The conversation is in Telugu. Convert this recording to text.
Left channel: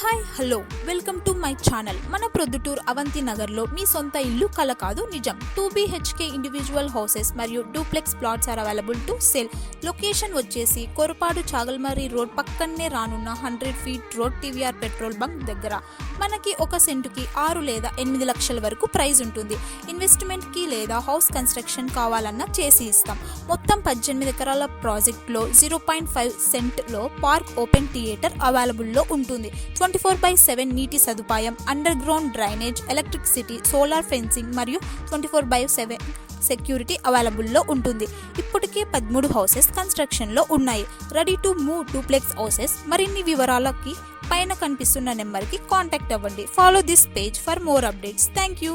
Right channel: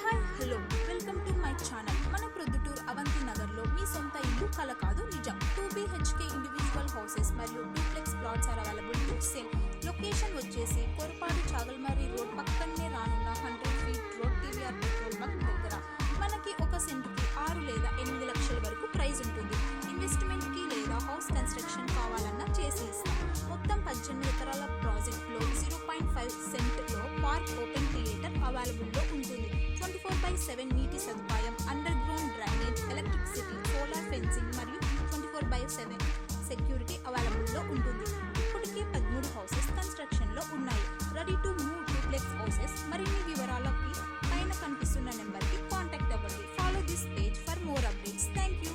Hi hello welcome to my channel. మన ప్రొద్దుటూరు అవంతి నగర్లో మీ సొంత ఇల్లు కల కాదు నిజం. 2 BHK ఇండివిజువల్ హౌసెస్ మరియు duplex plots are available to sale. Location వచ్చేసి కొరపాడు చాగల్మరి రోడ్ పక్కనే రానున్న 100 feet road TVR petrol bunk దగ్గర. మనకి ఒక సెంటుకి 6 లేదా 8 లక్షల వరకు ప్రైస్ ఉంటుంది. ఇన్వెస్ట్మెంట్కి లేదా హౌస్ కన్స్ట్రక్షన్ కావాలన్నా చేసి ఇస్తాం. మొత్తం 18 ఎకరాల ప్రాజెక్ట్లో 0.5 సెంట్లో పార్క్ ఓపెన్ థియేటర్ అవైలబుల్లో ఉంటుంది. 24/7 నీటి సదుపాయం, under ground drainage, electricity, solar fencing మరియు 24/7 సెక్యూరిటీ అవైలబుల్లో ఉంటుంది. ఇప్పటికే 13 హౌసెస్ కన్స్ట్రక్షన్లో ఉన్నాయి. Ready to move duplex houses. మరిన్ని వివరాలకి పైన కనిపిస్తున్న నెంబర్కి కాంటాక్ట్ అవ్వండి. Follow this page for more updates. Thank you.